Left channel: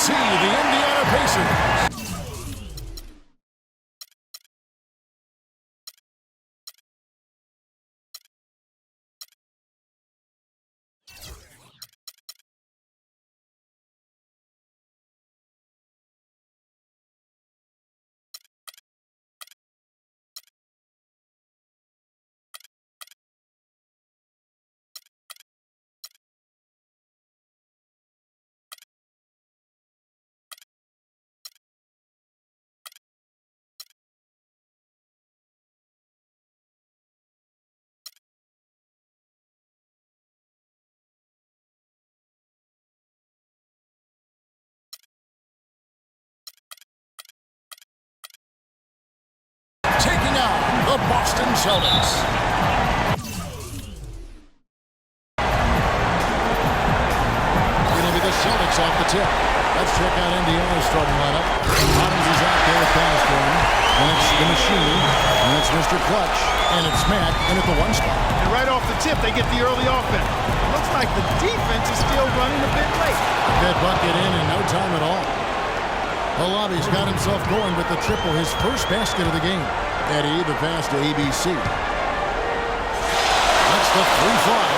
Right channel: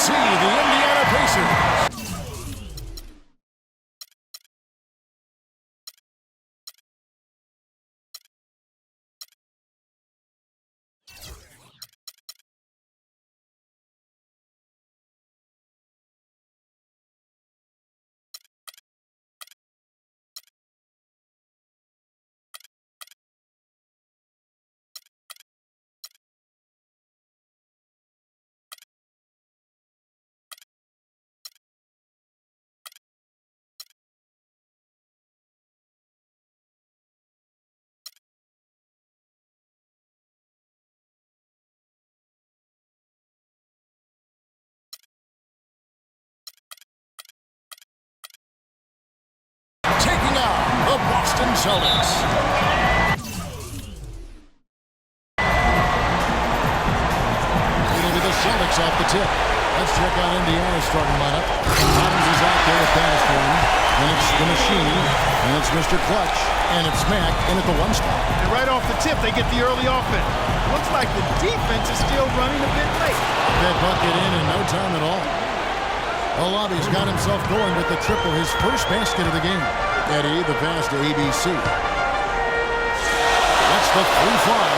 ABC, the Indiana Pacers. Taking on the Boston Celtics. It'll be the Celtics off the tip. Let's check out Indiana's starting lineup. Adams is out there with pass for him. And it's the Machine. And it's Mr. Clutch. And it's Mack in at the 1 spot. And right off the tip, they get the early offense. Looks like the defense is still running a bit late. That bucket in no time at all. Olabi's got himself going with the triple, his first basket of the game. Eddie, the pass to ABC. That's the 3 fly.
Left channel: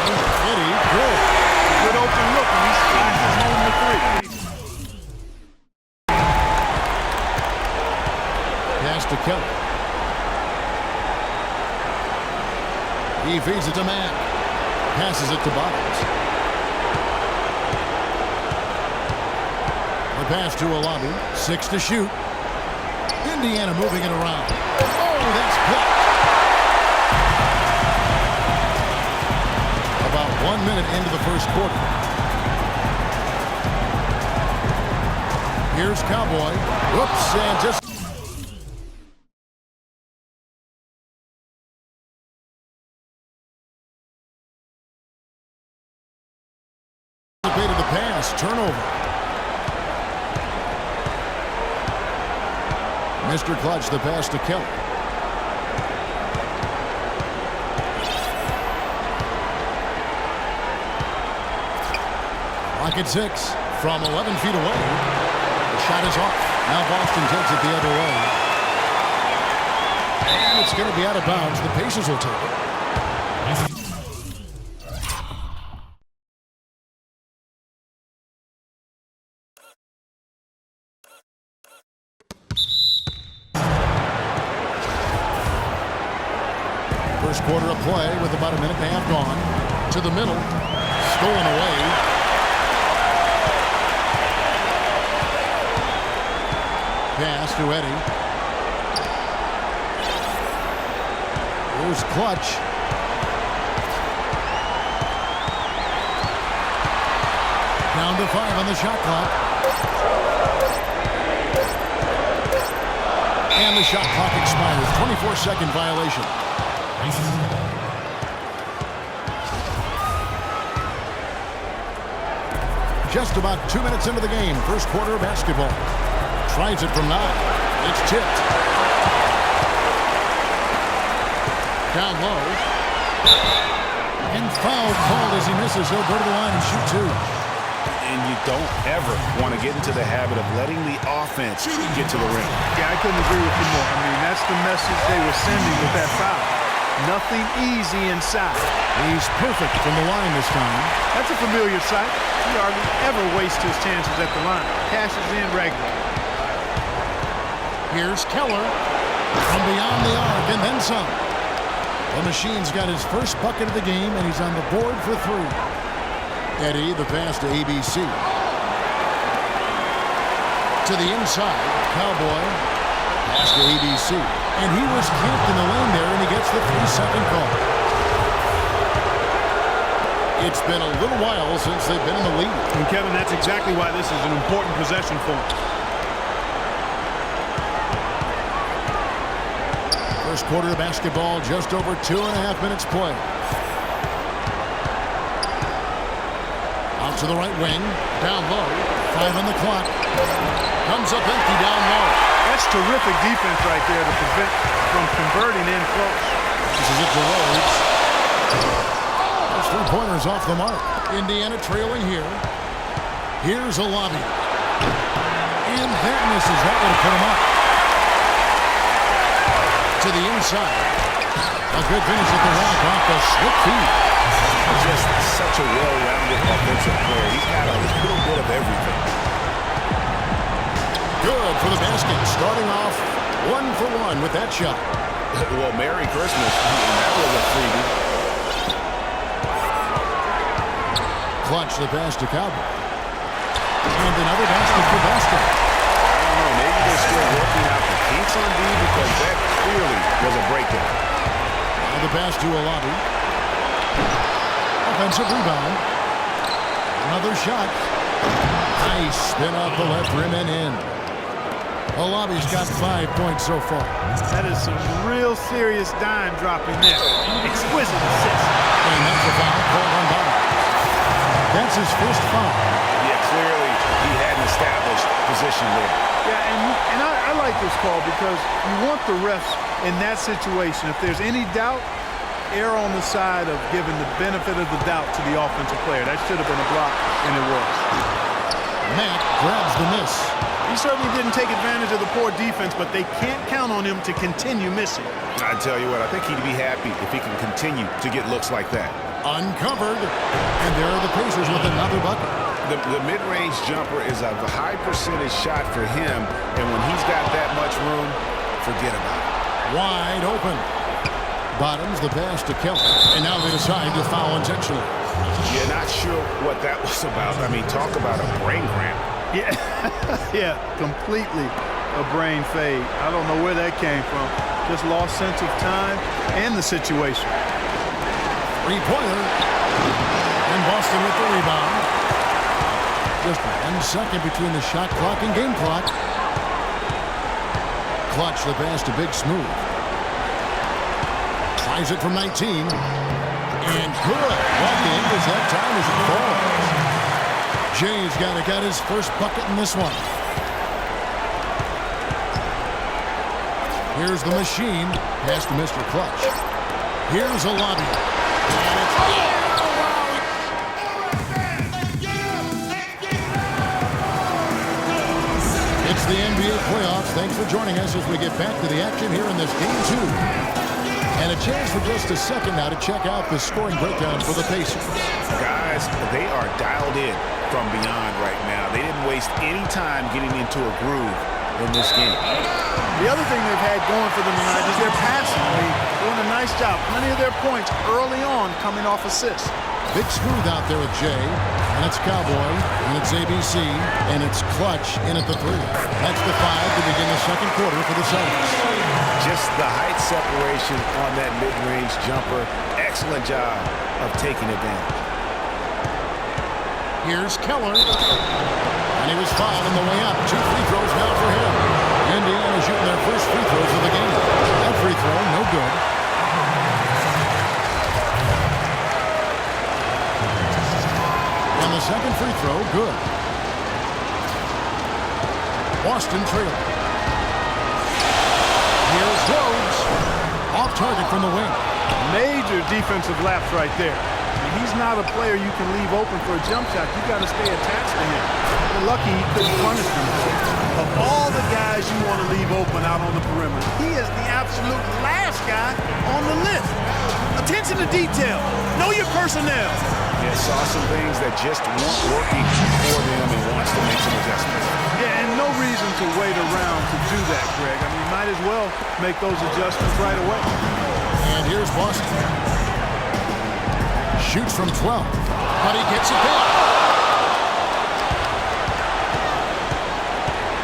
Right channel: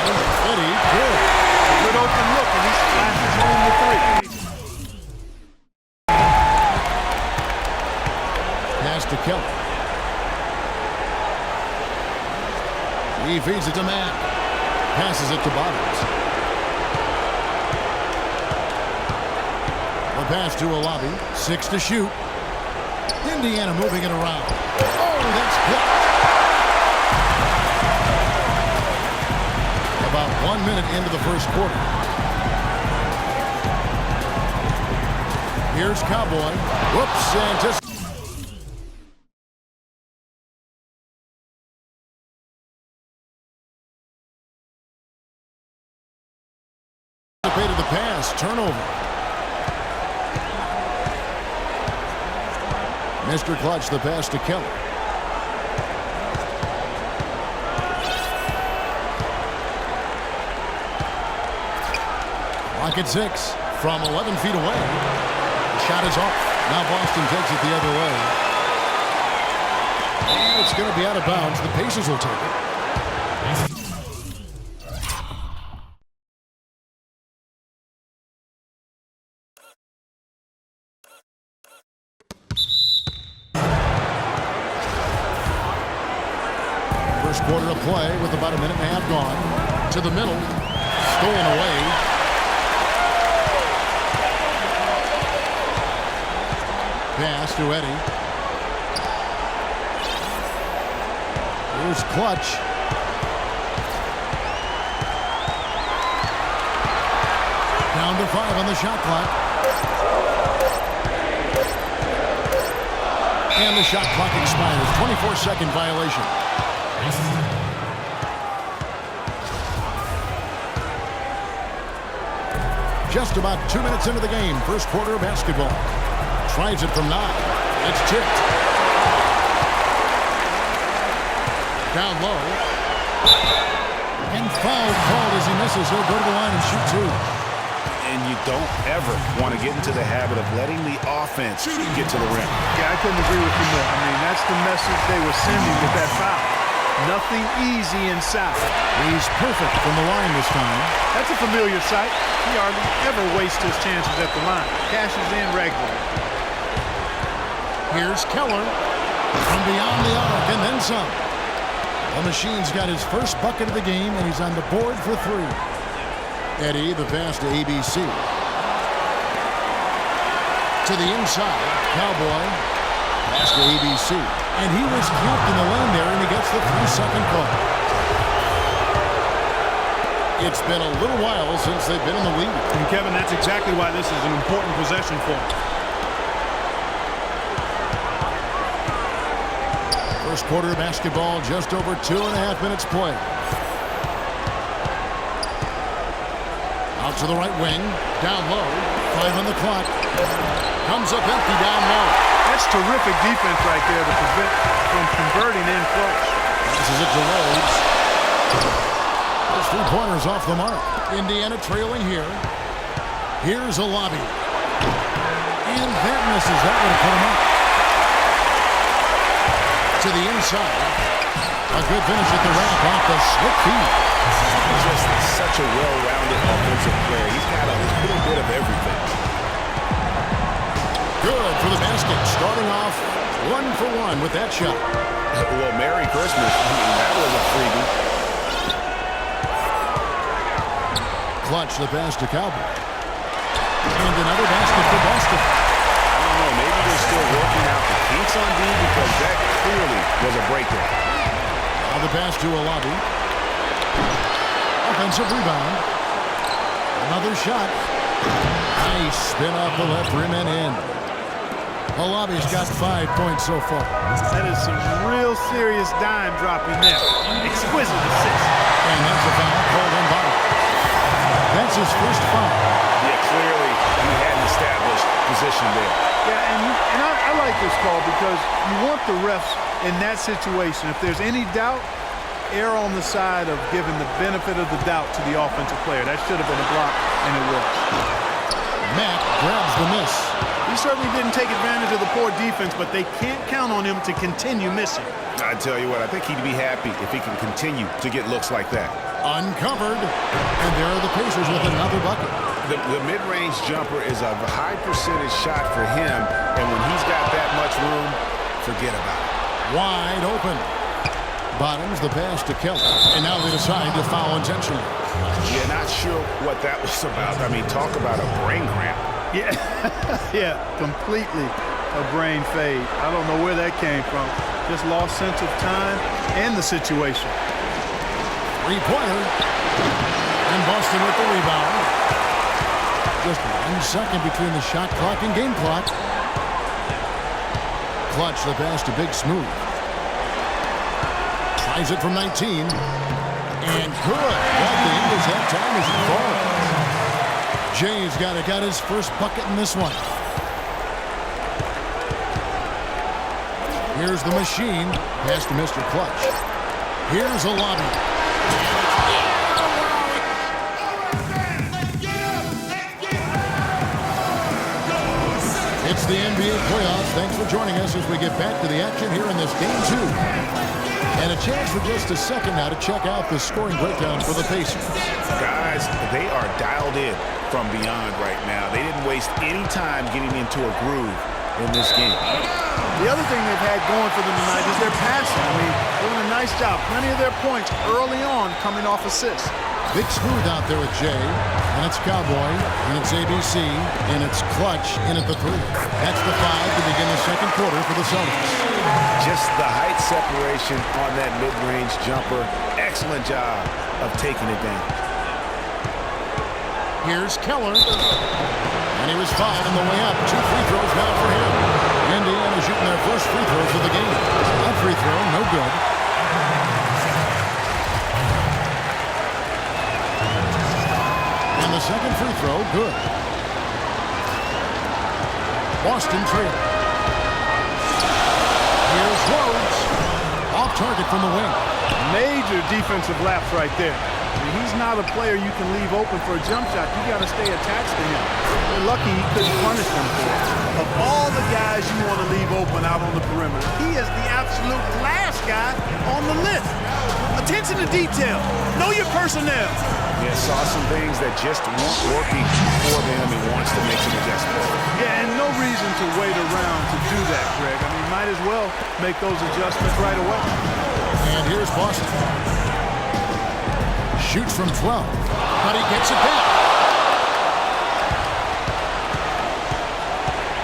Eddie, good. A good open look, and he splashes home the 3. Pass to Kelly. He feeds it to Mack. Passes it to Bottoms. The pass to Olabi. 6 to shoot. Indiana moving it around. Oh, that's blocked. About 1 minute into the first quarter. Here's Cowboy. Whoops, and just anticipated the pass. Turnover. Mr. Clutch, the pass to Kelly. Clock at 6 from 11 feet away. The shot is off. Now Boston takes it the other way. And it's going to be out of bounds. The Pacers will take it. First quarter of play with about a minute and a half gone. To the middle. Stolen away. Pass to Eddie. Here's Clutch. Down to 5 on the shot clock. And the shot clock expires. 24-second violation. Just about 2 minutes into the game. First quarter of basketball. Tries it from 9. It's tipped. Down low. And foul called as he misses. He'll go to the line and shoot 2. And you don't ever want to get into the habit of letting the offense get to the rim. Yeah, I couldn't agree with you more. I mean, that's the message they were sending with that foul. Nothing easy inside. He's perfect from the line this time. That's a familiar sight. He hardly ever wastes his chances at the line. Cashes in regularly. Here's Keller from beyond the arc and then some. The Machine's got his first bucket of the game, and he's on the board for 3. Eddie, the pass to ABC. To the inside, Cowboy. Pass to ABC. And he was camped in the lane there, and he gets the 3-second call. It's been a little while since they've been in the lead. And Kevin, that's exactly why this is an important possession for him. First quarter of basketball, just over 2.5 minutes play. Out to the right wing, down low, 5 on the clock. Comes up empty down low. That's terrific defense right there to prevent from converting in close. This is it to Rhodes. Those 3-pointers off the mark. Indiana trailing here. Here's Olabi. And that misses. That would have put him up. To the inside. A good finish at the rack off the slick feed. Just such a well-rounded offensive player. He's got a little bit of everything. Good for the basket. Starting off 1 for 1 with that shot. Well, Merry Christmas. That was a freebie. Clutch the pass to Cowboy. And another basket for Boston. I don't know. Maybe they're still working out the kinks on D because that clearly was a breakdown. Now the pass to Alabi. Offensive rebound. Another shot. Nice spin off the left rim and in. Alabi's got 5 points so far. That is some real serious dime dropping there. Exquisite assist. And that's a foul called on Bottoms. That's his first foul. Yeah, clearly he had an established position there. Yeah, and I like this call because you want the refs in that situation. If there's any doubt, err on the side of giving the benefit of the doubt to the offensive player. That should have been a block, and it was. Mack grabs the miss. He certainly didn't take advantage of the poor defense, but they can't count on him to continue missing. I tell you what, I think he'd be happy if he can continue to get looks like that. Uncovered. And there are the Pacers with another bucket. The mid-range jumper is a high percentage shot for him, and when he's got that much room, forget about it. Wide open. Bottoms the pass to Kelly. And now they decide to foul intentionally. Yeah, not sure what that was about. I mean, talk about a brain cramp. Yeah, yeah, completely a brain fade. I don't know where that came from. Just lost sense of time and the situation. Three-pointer. And Boston with the rebound. Just 1 second between the shot clock and game clock. Clutch the pass to Big Smooth. Tries it from 19. And good. What the English have time as it falls. Jay's got his first bucket in this one. Here's the machine. Pass to Mr. Clutch. Here's a lobby. It's the NBA playoffs. Thanks for joining us as we get back to the action here in this game 2. And a chance for just a second now to check out the scoring breakdown for the Pacers. Guys, they are dialed in from beyond right now. They didn't waste any time getting into a groove in this game. The other thing they've had going for them tonight is their passing. I mean, doing a nice job. Plenty of their points early on coming off assists. Big Smooth out there with Jay, and it's Cowboy, and it's ABC, and it's Clutch in at the 3. That's the 5 to begin the second quarter for the Celtics. Just the height separation on that mid-range jumper. Excellent job of taking advantage. Here's Keller. And he was fouled on the way up. 2 free throws now for him. Indiana shooting their first free throws of the game. That free throw, no good. And the second free throw, good. Boston trailing. Here's Rhodes. Off target from the wing. Major defensive lapse right there. I mean, he's not a player you can leave open for a jump shot. You got to stay attached to him. They're lucky he couldn't punish them for it. Of all the guys you want to leave open out on the perimeter, he is the absolute last guy on the list. Attention to detail. Know your personnel. Yeah, saw some things that just weren't working for them and wants to make some adjustments. Yeah, and no reason to wait around to do that, Greg. I mean, might as well make those adjustments right away. And here's Boston. Shoots from 12, but he gets it back.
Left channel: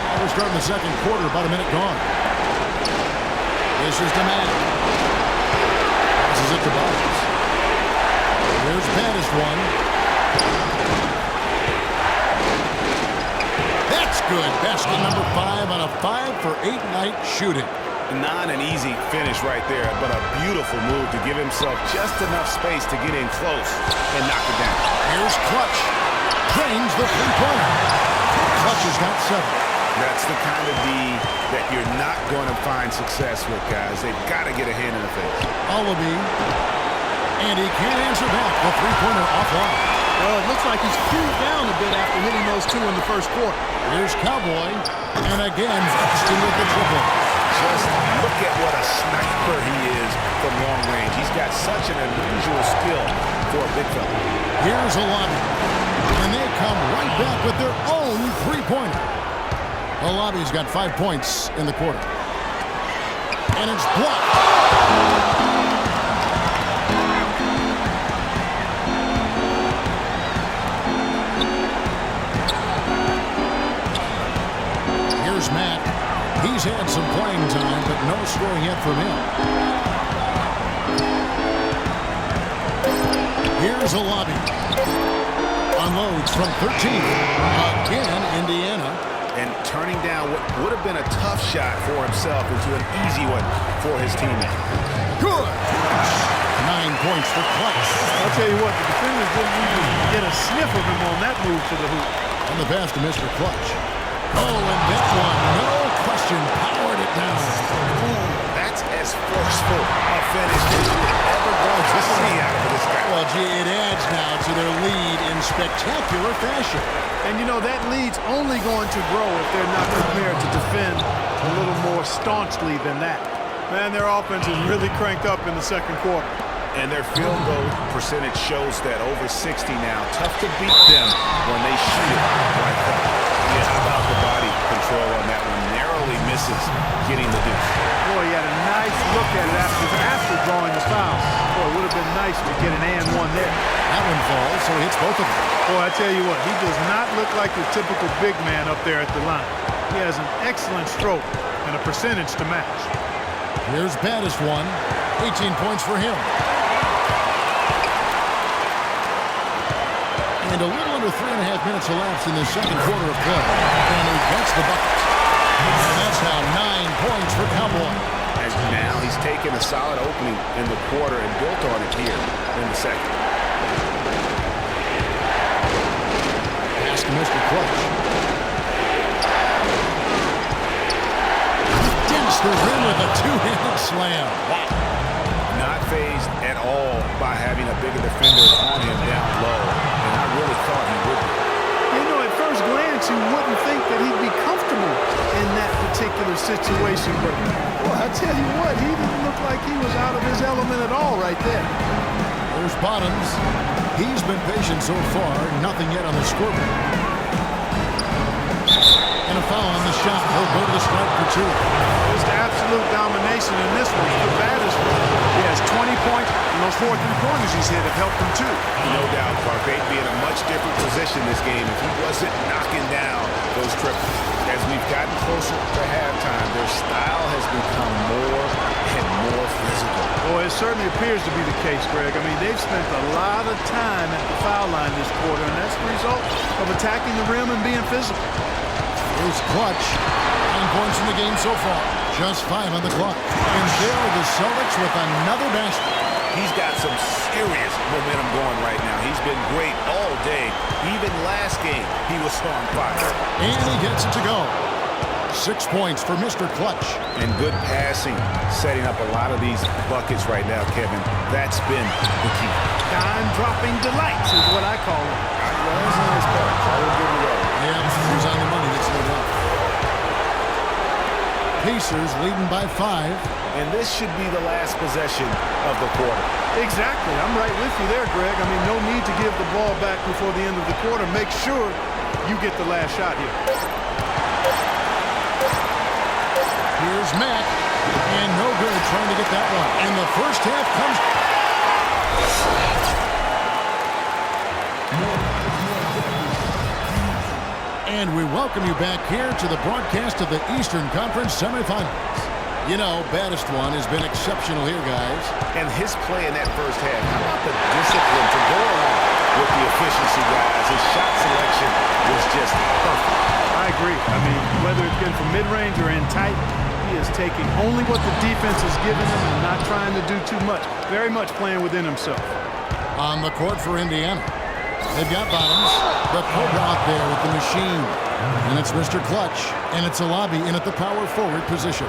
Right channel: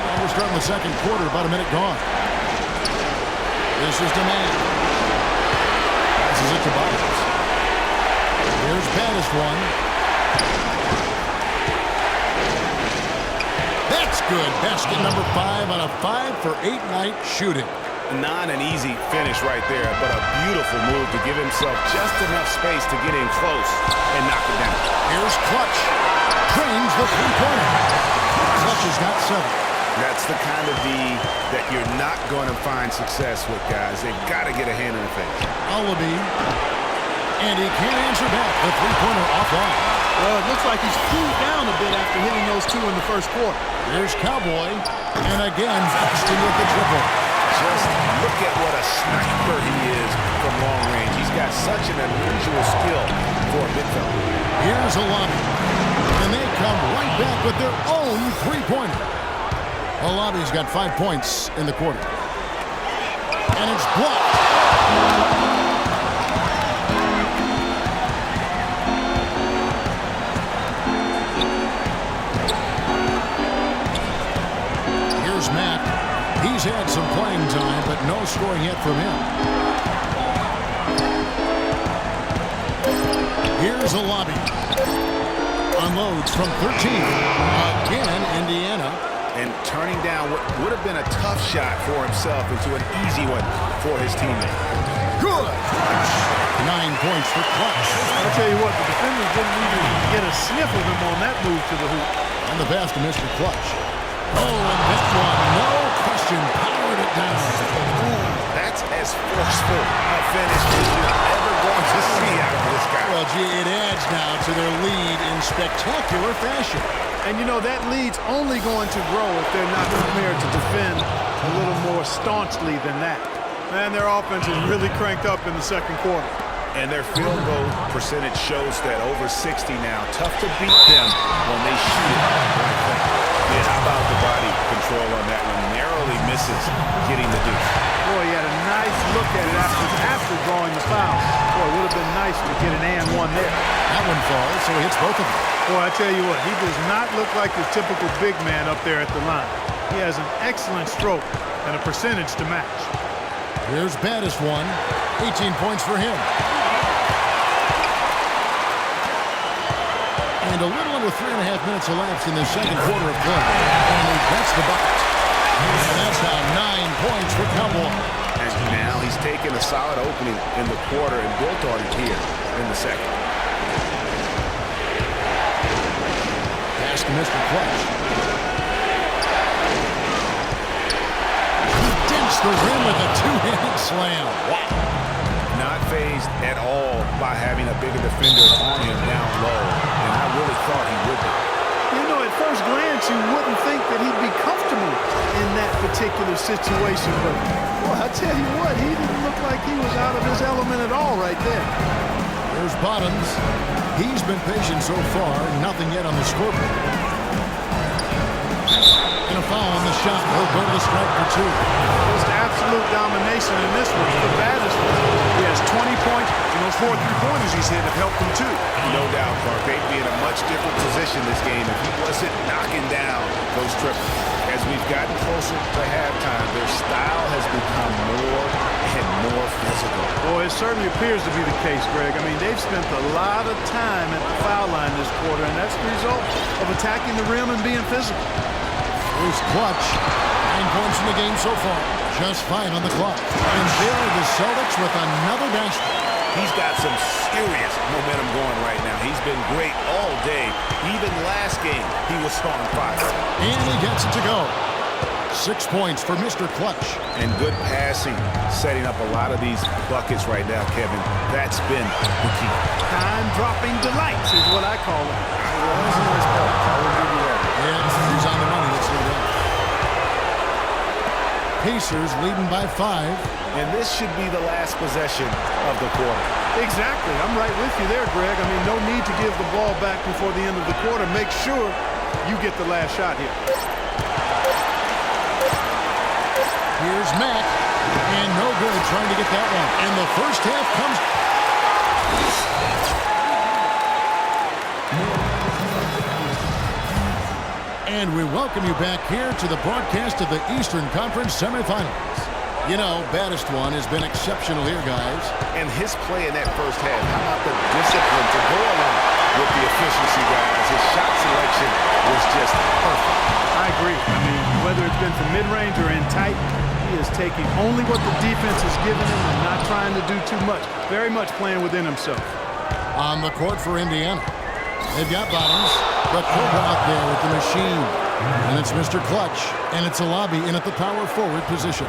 And we're starting the second quarter, about a minute gone. This is Demand. Passes it to Bottoms. Here's baddest one. That's good. Basket number 5 on a 5 for 8 night shooting. Not an easy finish right there, but a beautiful move to give himself just enough space to get in close and knock it down. Here's Clutch. Drains the three-pointer. Clutch has got 7. That's the kind of D that you're not going to find success with, guys. They've got to get a hand in the face. Alabi. And he can't answer back. The three-pointer offline. Well, it looks like he's cooled down a bit after hitting those two in the first quarter. Here's Cowboy, and again, Buxton with the triple. Just look at what a sniper he is from long range. He's got such an unusual skill for a big fella. Here's a lobby, and they come right back with their own three-pointer. Olabi's got 5 points in the quarter. And it's blocked. Here's Matt. He's had some playing time, but no scoring yet from him. Here's a lobby. Unloads from 13. Again, Indiana. And turning down what would have been a tough shot for himself into an easy one for his teammate. Good. 9 points for Clutch. I'll tell you what, the defenders didn't even get a sniff of him on that move to the hoop. And the pass to Mr. Clutch. Oh, and that one, no question, powered it down. Ooh, that's as forceful a finish as you're ever going to see out of this guy. Well, gee, it adds now to their lead in spectacular fashion. And, you know, that lead's only going to grow if they're not prepared to defend a little more staunchly than that. Man, their offense is really cranked up in the second quarter. And their field goal percentage shows that over 60 now. Tough to beat them when they shoot it like that. Yeah, how about the body control on that one? Narrowly misses getting the deuce. Boy, he had a nice look at it after drawing the foul. Boy, it would have been nice to get an and one there. That one falls, so he hits both of them. Boy, I tell you what, he does not look like your typical big man up there at the line. He has an excellent stroke and a percentage to match. Here's baddest one. 18 points for him. And a little under 3.5 minutes elapsed in the second quarter of play. And he gets the bucket. And that's now 9 points for Cowboy. And now he's taken a solid opening in the quarter and built on it here in the second. Pass to Mr. Clutch. He dents the rim with a two-handed slam. Wow. Not fazed at all by having a bigger defender on him down low. And I really thought he would be. You know, at first glance, you wouldn't think that he'd be comfortable in that particular situation. But, boy, I tell you what, he didn't look like he was out of his element at all right there. There's Bottoms. He's been patient so far. Nothing yet on the scoreboard. And a foul on the shot. He'll go to the stripe for two. Just absolute domination in this one. The baddest one. He has 20 points, and those 4 3-pointers he's hit have helped him too. No doubt, Clark. They'd be in a much different position this game if he wasn't knocking down those triples. As we've gotten closer to halftime, their style has become more and more physical. Boy, it certainly appears to be the case, Greg. I mean, they've spent a lot of time at the foul line this quarter, and that's the result of attacking the rim and being physical. Here's Clutch. 9 points in the game so far. Just 5 on the clock. And there are the Celtics with another basket. He's got some serious momentum going right now. He's been great all day. Even last game, he was on fire. And he gets it to go. 6 points for Mr. Clutch. And good passing, setting up a lot of these buckets right now, Kevin. That's been the key. Time-dropping delights is what I call it. Well, that's a nice pass. I will give you that. Yeah, he's on the money, that's no doubt. Pacers leading by 5. And this should be the last possession of the quarter. Exactly. I'm right with you there, Greg. I mean, no need to give the ball back before the end of the quarter. Make sure you get the last shot here. Here's Matt. And no good trying to get that one. And the first half comes... And we welcome you back here to the broadcast of the Eastern Conference semifinals. You know, baddest one has been exceptional here, guys. And his play in that first half, how about the discipline to go along with the efficiency, guys? His shot selection was just perfect. I agree. I mean, whether it's been from mid-range or in tight, he is taking only what the defense has given him and not trying to do too much. Very much playing within himself. On the court for Indiana. They've got Bottoms, but Cobra out there with the machine. And it's Mr. Clutch, and it's a lobby in at the power forward position.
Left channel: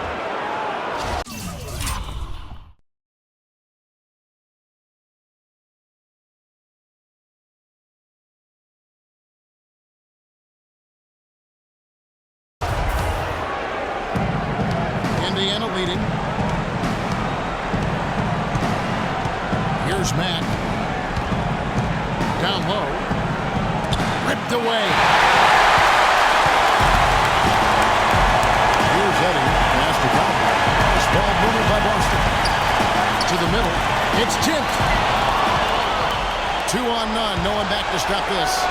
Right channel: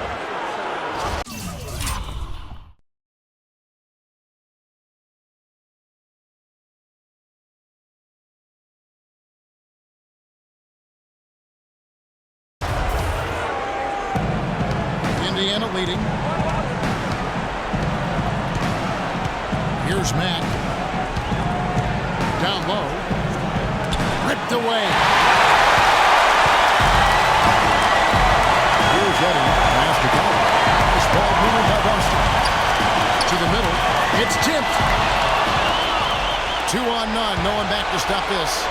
Indiana leading. Here's Mack. Down low. Ripped away. Here's Eddie. Pass to Calvin. This ball moved by Boston. To the middle. It's tipped. 2 on none. No one back to stop this.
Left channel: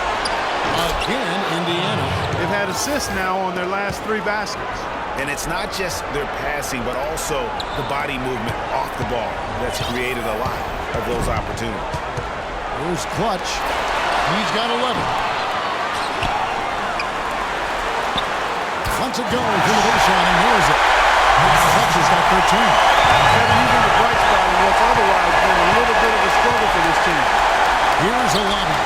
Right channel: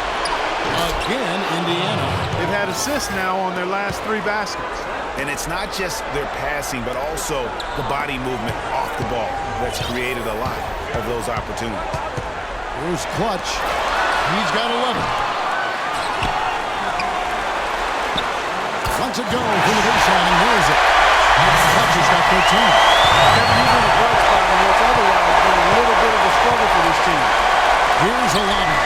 Again, Indiana. They've had assists now on their last 3 baskets. And it's not just their passing, but also the body movement off the ball that's created a lot of those opportunities. Here's Clutch. He's got 11. Lets it go from the baseline and nails it. Clutch has got 13. Kevin, he's in a bright spot in what's otherwise been a little bit of a struggle for this team. Here's a lobby.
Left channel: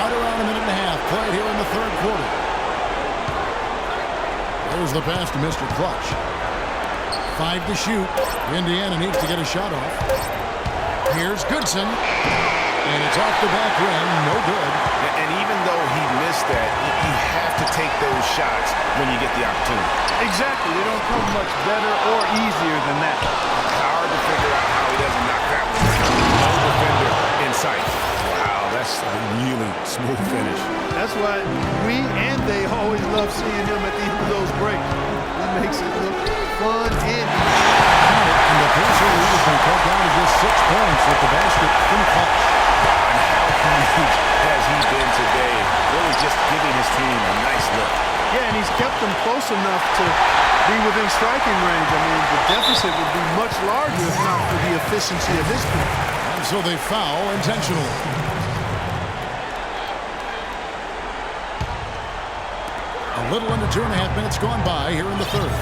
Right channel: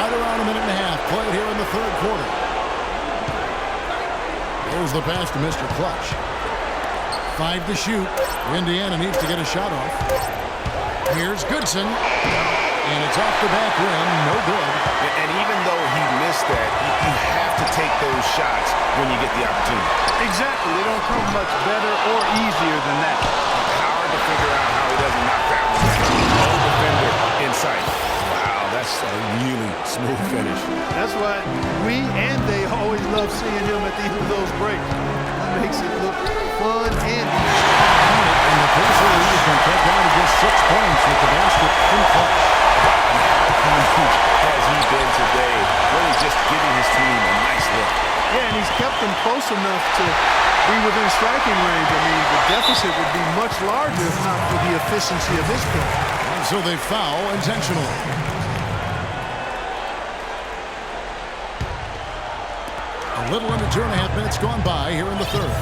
Right around a minute and a half played here in the third quarter. There's the pass to Mr. Clutch. 5 to shoot. Indiana needs to get a shot off. Here's Goodson. And it's off the back rim. No good. And even though he missed that, you have to take those shots when you get the opportunity. Exactly. They don't come much better or easier than that. Hard to figure out how he doesn't knock that one down. No defender in sight. Wow, that's a really smooth finish. That's why we and they always love seeing him at the end of those breaks. He makes it look fun and and the Pacer lead has been cut down to just 6 points with the basket from Clutch. Wow, and how huge has he been today? Really just giving his team a nice lift. Yeah, and he's kept them close enough to be within striking range. I mean, the deficit would be much larger if not for the efficiency of his play. And so they foul intentionally. A little under 2.5 minutes gone by here in the third.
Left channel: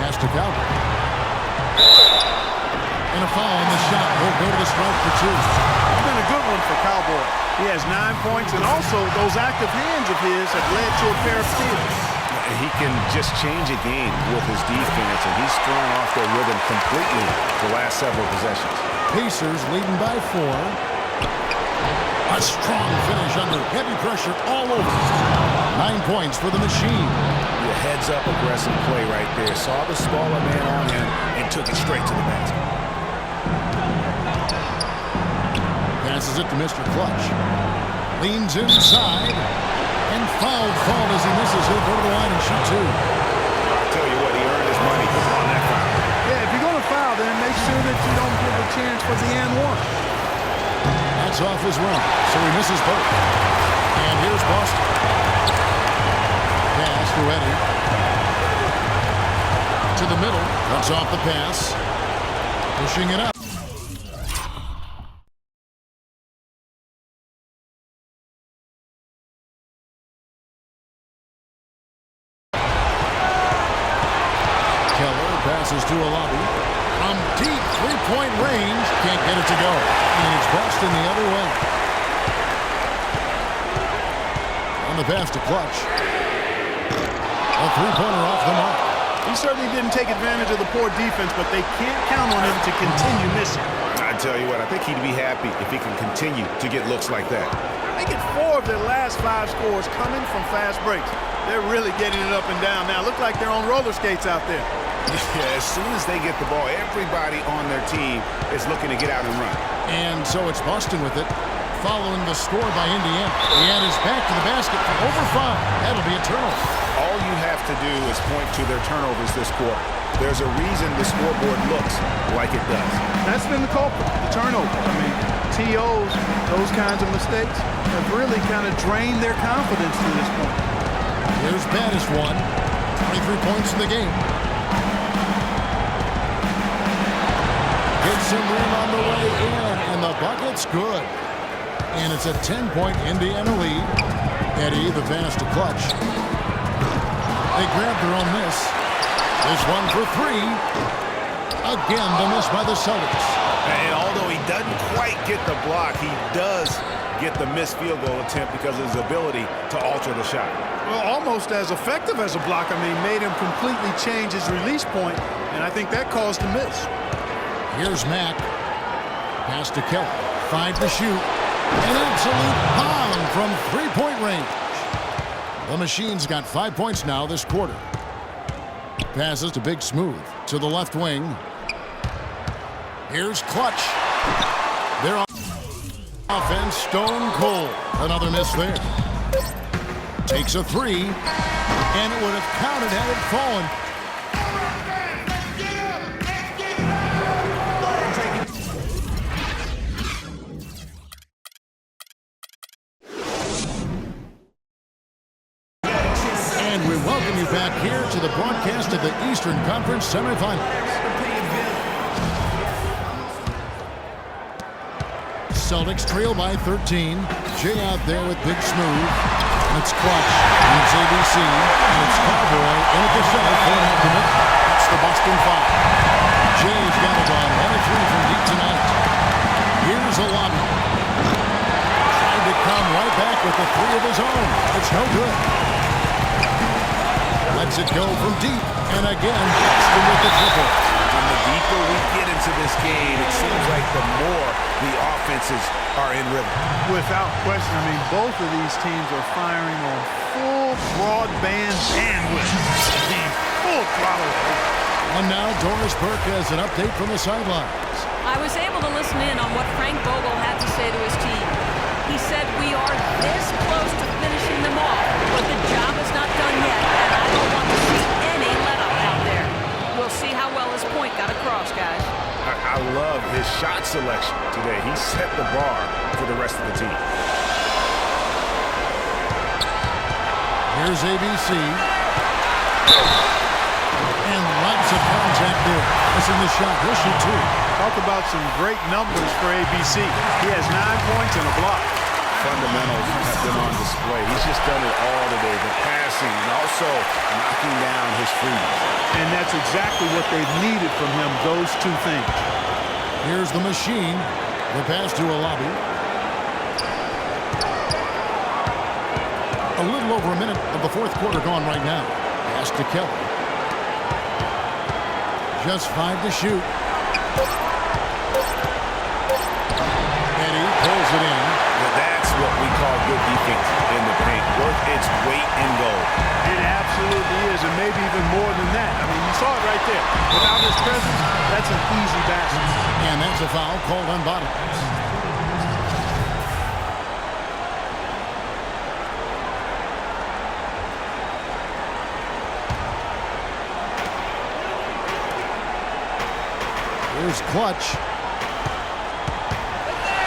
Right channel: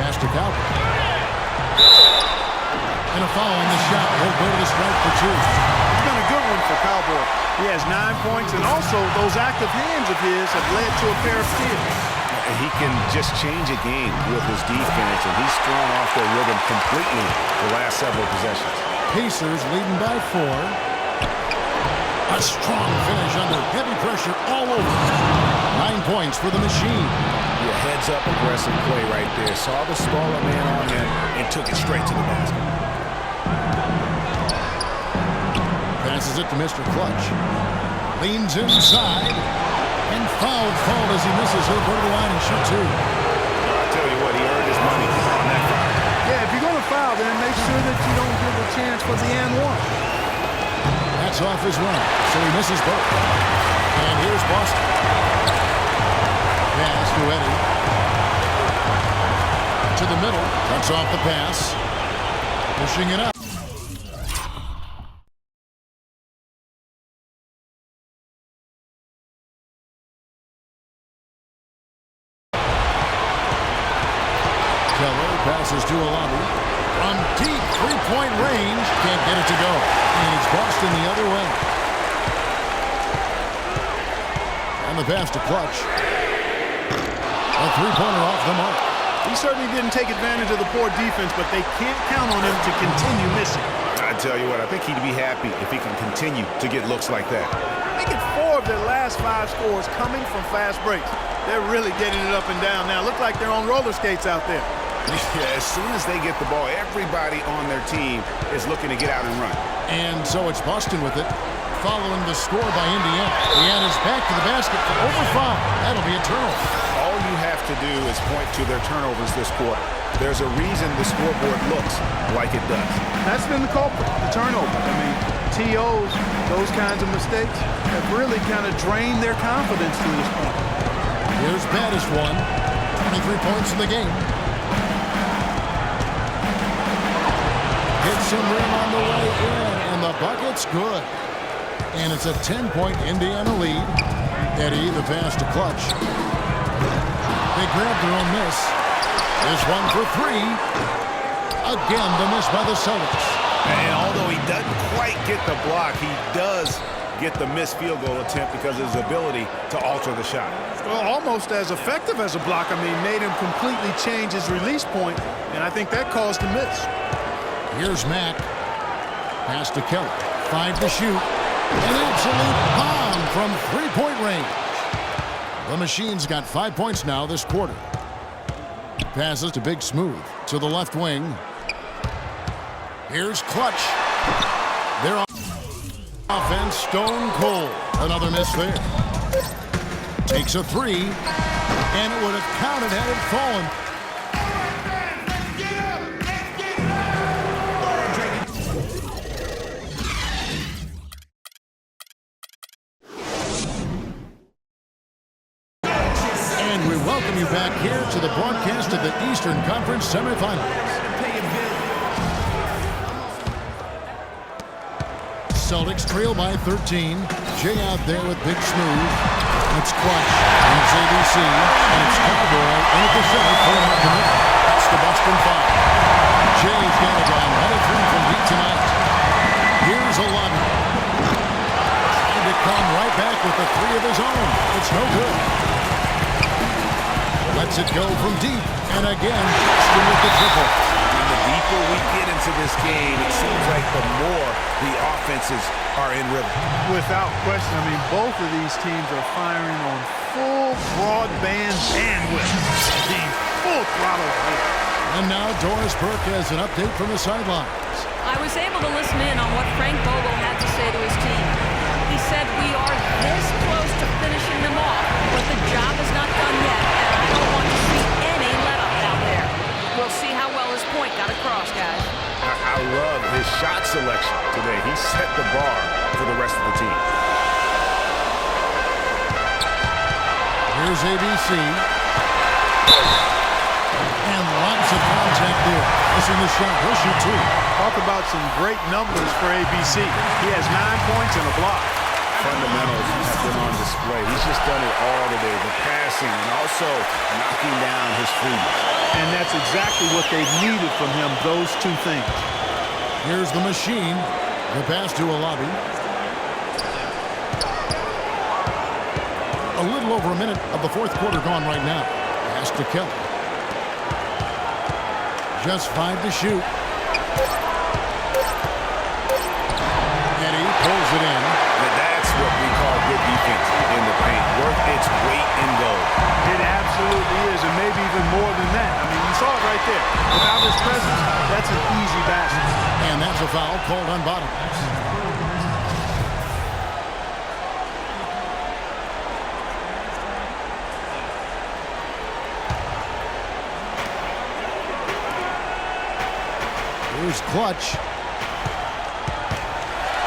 Pass to Calvin. And a foul on the shot. He'll go to the strike for 2. It's been a good one for Cowboy. He has 9 points, and also those active hands of his have led to a pair of steals. He can just change a game with his defense, and he's thrown off their rhythm completely the last several possessions. Pacers leading by 4. A strong finish under heavy pressure all over. 9 points for the machine. Yeah, heads-up aggressive play right there. Saw the smaller man on him and took it straight to the basket. Passes it to Mr. Clutch. Leans inside. And fouled as he misses. He'll go to the line and shoot 2. I'll tell you what, he earned his money on that foul. Yeah, if you're going to foul, then make sure that you don't give a chance for the and one. That's off as well. So he misses both. And here's Boston. Pass to Eddie. To the middle. Cuts off the pass. Pushing it up. Keller passes to a lobby. From deep three-point range. Can't get it to go. And it's Boston the other way. And the pass to Clutch. A three-pointer off the mark. He certainly didn't take advantage of the poor defense, but they can't count on him to continue missing. I tell you what, I think he'd be happy if he can continue to get looks like that. They get 4 of their last 5 scores coming from fast breaks. They're really getting it up and down now. Look like they're on roller skates out there. Yeah, as soon as they get the ball, everybody on their team is looking to get out and run. And so it's Boston with it, following the score by Indiana. Indiana's back to the basket for over 5. That'll be a turnover. All you have to do is point to their turnovers this quarter. There's a reason the scoreboard looks like it does. That's been the culprit, the turnovers. I mean, TOs, those kinds of mistakes have really kind of drained their confidence to this point. Here's Baddest one. 23 points in the game. Hits some rim on the way in, and the bucket's good. And it's a 10-point Indiana lead. Eddie, the pass to Clutch. They grab their own miss. This one for 3. Again, the miss by the Celtics. And although he doesn't quite get the block, he does get the missed field goal attempt because of his ability to alter the shot. Well, almost as effective as a block. I mean, made him completely change his release point, and I think that caused the miss. Here's Mack. Pass to Kelly. 5 to shoot. An absolute bomb from three-point range. The Machine's got 5 points now this quarter. Passes to Big Smooth to the left wing. Here's Clutch. Their offense stone cold. Another miss there. Takes a three, and it would have counted had it fallen. And we welcome you back here to the broadcast of the Eastern Conference semifinals. Celtics trail by 13. Jay out there with Big Smooth. It's Clutch, and it's ABC, and it's Cowboy in at the center, pulling out the middle. That's the Boston Five. Jay's got it on 1 of 3 from deep tonight. Here's a lobby. Trying to come right back with the 3 of his own. It's no good. Lets it go from deep, and again, Boston with the triple. And the deeper we get into this game, it seems like the more the offenses are in rhythm. Without question, I mean, both of these teams are firing on full broadband bandwidth. Being full throttle here. And now Doris Burke has an update from the sidelines. I was able to listen in on what Frank Vogel had to say to his team. He said, we are this close to finishing them off, but the job is not done yet, and I don't want to see any let-up out there. We'll see how well his point got across, guys. I love his shot selection today. He set the bar for the rest of the team. Here's ABC. And lots of contact there. Missing the shot. He'll shoot 2. Talk about some great numbers for ABC. He has 9 points and a block. Fundamentals have been on display. He's just done it all today. The passing and also knocking down his freebies. And that's exactly what they've needed from him, those 2 things. Here's the Machine. The pass to a lobby. A little over a minute of the fourth quarter gone right now. Pass to Kelly. Just 5 to shoot. Eddie pulls it in. That's what we call good defense in the paint. Worth its weight in gold. It absolutely is, and maybe even more than that. I mean, you saw it right there. Without his presence, that's an easy basket. And that's a foul called on Bottom. Here's Clutch.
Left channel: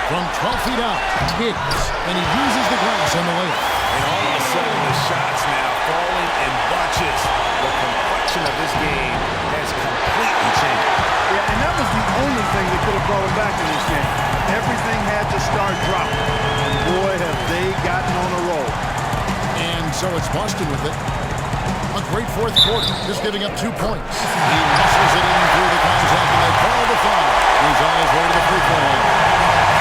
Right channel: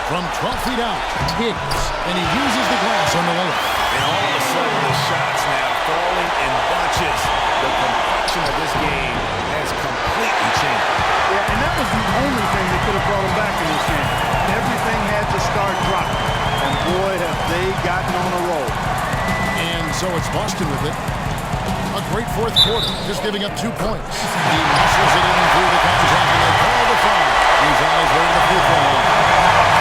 From 12 feet out, Higgs, and he uses the glass on the layup. And all of a sudden, the shots now falling in bunches. The complexion of this game has completely changed. Yeah, and that was the only thing that could have brought him back in this game. Everything had to start dropping. And boy, have they gotten on a roll. And so it's Boston with it. A great fourth quarter, just giving up 2 points. He muscles it in through the contact, and they call the foul. He's on his way to the free throw line.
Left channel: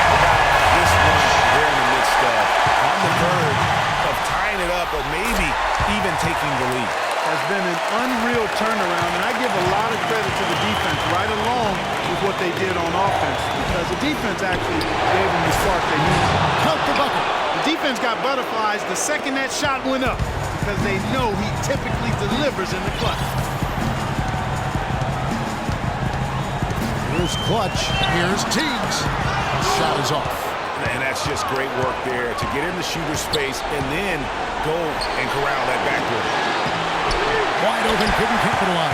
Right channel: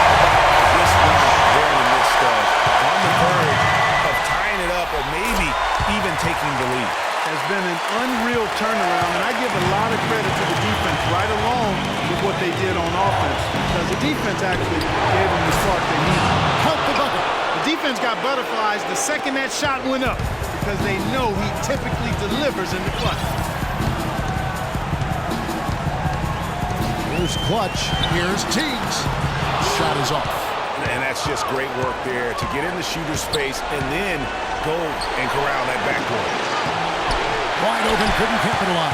About this run they're in the midst of, on the verge of tying it up or maybe even taking the lead. Has been an unreal turnaround, and I give a lot of credit to the defense right along with what they did on offense, because the defense actually gave them the spark they needed. Count the bucket. The defense got butterflies the second that shot went up because they know he typically delivers in the clutch. Here's Clutch. Here's Teagues. Shot is off. And that's just great work there to get in the shooter's space and then go and corral that backdoor. Wide open, couldn't capitalize.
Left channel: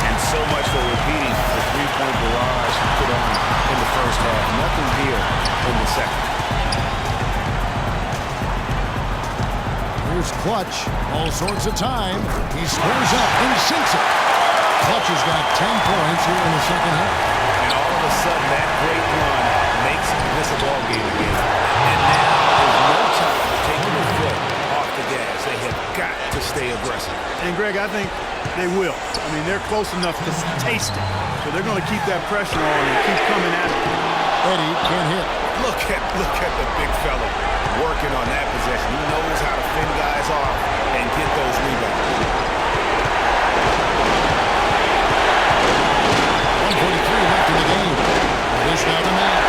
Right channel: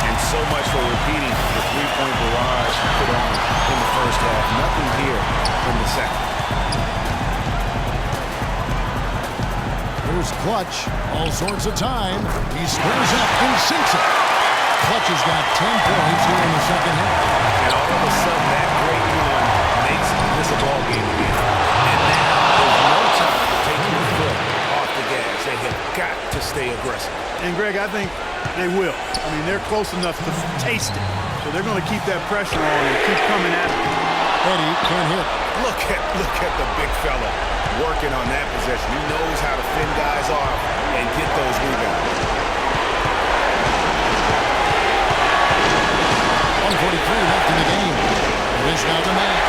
And so much for repeating the three-point barrage he put on in the first half. Nothing here in the second. Here's Clutch. All sorts of time. He squares up and sinks it. Clutch has got 10 points here in the second half. And all of a sudden, that great run makes this a ball game again. And now there's no time to take your foot off the gas. They have got to stay aggressive. And, Greg, I think they will. I mean, they're close enough to taste it. So they're going to keep that pressure on and keep coming at it. Eddie can't hit. Look at the big fella working on that possession. He knows how to fend guys off and get those rebounds. 1:43 left in the game. It is now the man.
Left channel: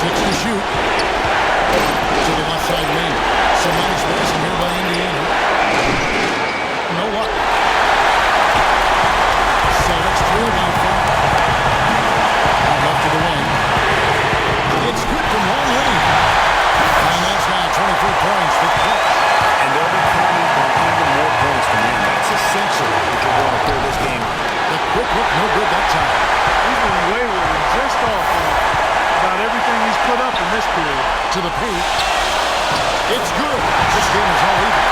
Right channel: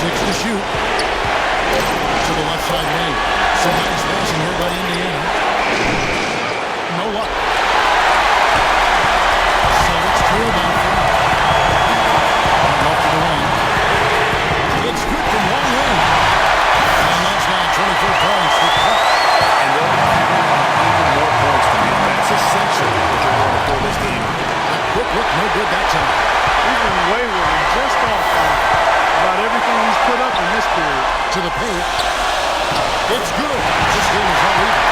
6 to shoot. To the left side wing. Some nice passing here by Indiana. No luck. Celtics trail by 5. Out left to the wing. It's good from long range. And that's now 24 points for Clutch. And they'll be counting on even more points from him. That's essential if they're going to pull this game out. The quick look, no good that time. He's been wayward and just off on about everything he's put up in this period. To the paint. It's good. This game is all even.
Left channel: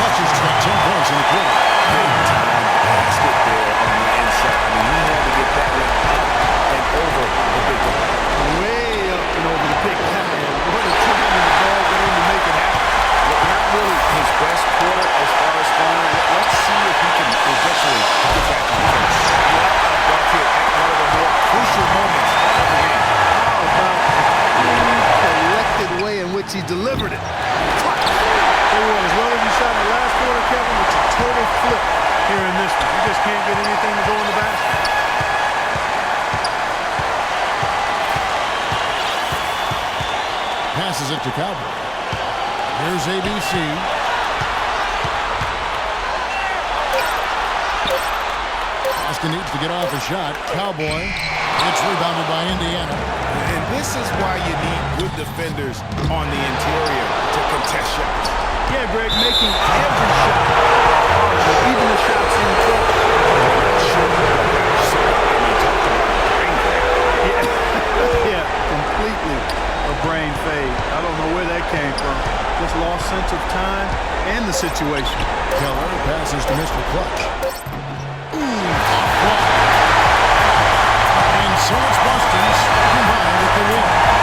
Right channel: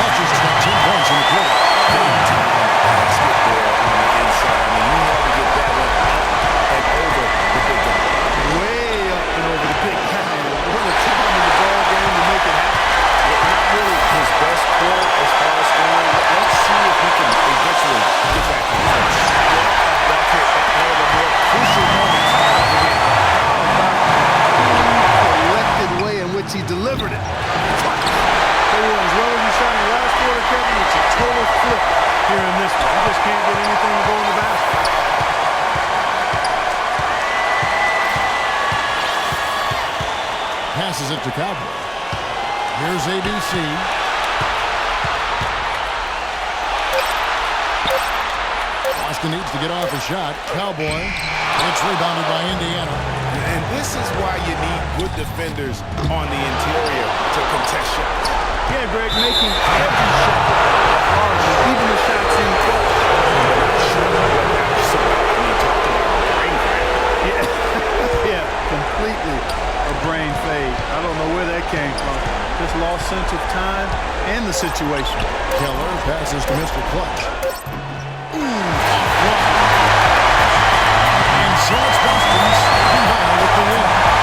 Clutch has got 10 points in the quarter. Big time basket there on the inside. I mean, he had to get that one up and over the big guy. Way up and over the big guy. And what a time in the ball game to make it happen. Well, not really his best quarter as far as scoring. Let's see if he can eventually get back on first. What a bucket at one of the more crucial moments of the game. How about the cool, collected way in which he delivered it? Clutch. Tell you what, as well as you shot in the last quarter, Kevin, it's a total flip here in this one. You just can't get anything to go in the basket. Passes it to Cowboy. Here's ABC. Boston needs to get off a shot. Cowboy. It's rebounded by Indiana. And this is why you need good defenders on the interior to contest shots. Yeah, Greg, making every shot hard, even the shots in close. I'm not sure what that was about. I mean, talk about a brain grab. Yeah, yeah, completely a brain fade. I don't know where that came from. Just lost sense of time and the situation. Keller passes to Mr. Clutch. Off block. And so it's Boston scraping by with the win.